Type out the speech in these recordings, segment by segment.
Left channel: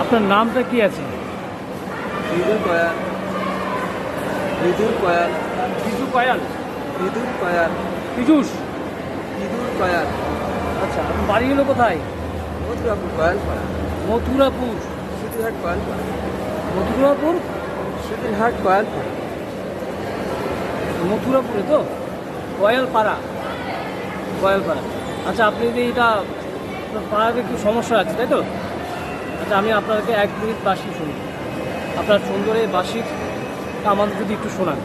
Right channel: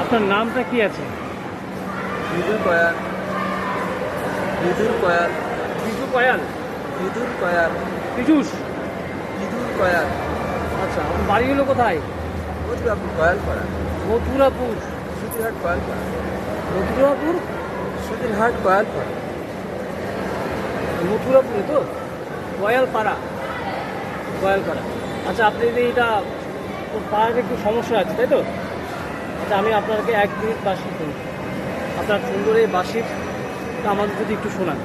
আপনার নামটা কি আছে? বিদুর কয়াল। বিদুর কয়াল। বিজু কয়াল? বিদুর কয়াল। পীযুষ বিদুর কয়াল। আচ্ছা আপনার বাড়ি হলো কোথায়? মধুরাপুর কয়াল পাড়া মথুরাপুর। সুতিরহাট কয়াল পাড়া মথুরাপুর? সুতিরহাট কয়াল পাড়া মথুরাপুরে তো? গয়ালপাড়া গয়ালপাড়া আচ্ছা আপনি যে এটা তো পাড়াতে একটু সমস্যা আছে তাই তো? আচ্ছা আমি আপনাকে এক মিনিট বাসি শুনি আপনার সুন্দর এই বাসির আমাদের যদি একটু শোনান।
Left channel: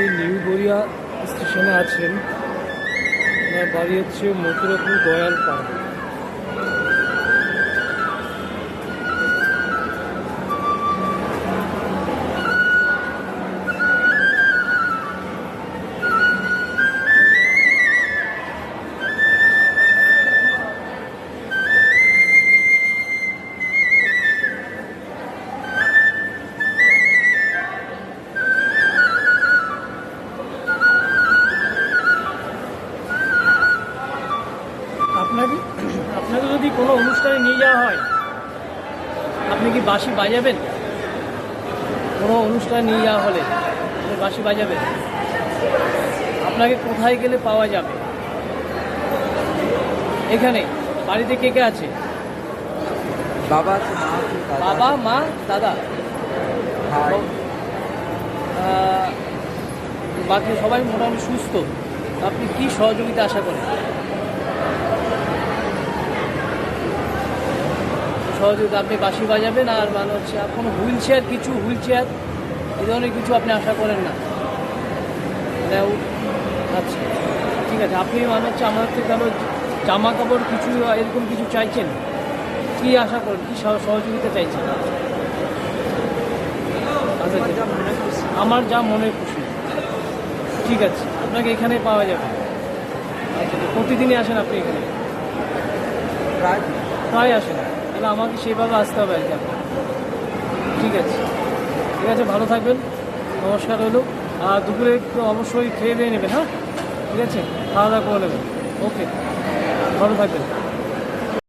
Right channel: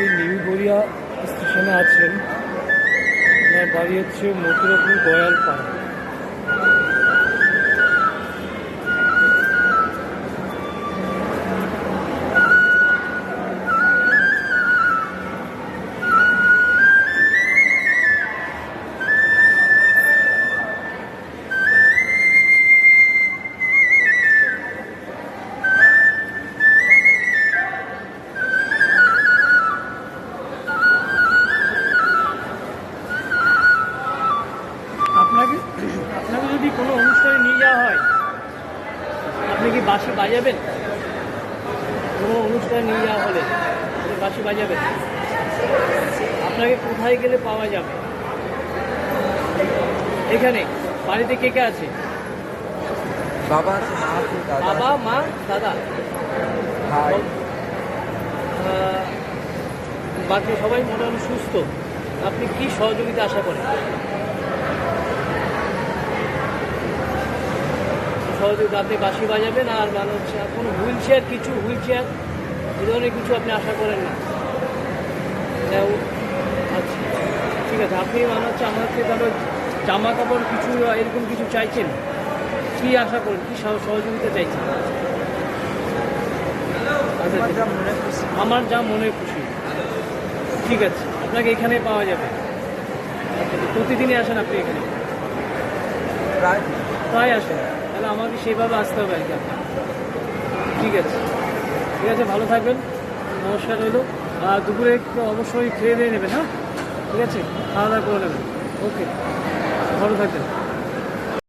উনি নিউ গড়িয়া স্টেশনে আছেন আমার বাড়ি হচ্ছে মথুরাপুর গয়ালপাড়া যাওয়া হয়। আপনি কি বাঁশি বাজাবেন? কোনো অনুষ্ঠানে নিয়ে যাওয়া হলে বাঁশি বাজাবেন? আপনাকে কোথায় গেলে পাওয়া যাবে? এখানে বাড়িতে কে কে আছে? বাবা মা দাদা বাবা মা দাদা? ভাই। বাকি সবাই মোটামুটি সুস্থ। আপনি কি সহযোগিতা আশা করেন? সহযোগিতা আপনি বাঁশি বাজাবেন আর মানে হচ্ছে কোনো হুইল চেয়ার কিছু হুইল চেয়ার এই ধরনের কিছু আপনি আশা করেন না। আচ্ছা ঠিক আছে আপনি মানে হচ্ছে আমার হচ্ছে ধরো জামা কাপড় কিছু এরকম কিছু চাইছেন? কি আশা করেন? কি সহযোগিতা চাইছেন? আচ্ছা আমার যা মনে খুশি। আমার যা মনে খুশি। ঠিক আছে আপনাকে এখানে পাওয়া যাবে। আচ্ছা প্রতিদিনই আসেন আপনি এখানে? প্রায়। প্রায় আসেন। তাহলে আমাকে সেভাবে আসতে হবে আর ঠিক আছে। ঠিক আছে, ভালো থাকবেন। নমস্কার রইল। আর দুপুরে অবশ্যই খেয়ে নেবেন হ্যাঁ? ঠিক আছে? খাওয়া দাওয়া করে নেবেন। ওকে। ভালো থাকবেন।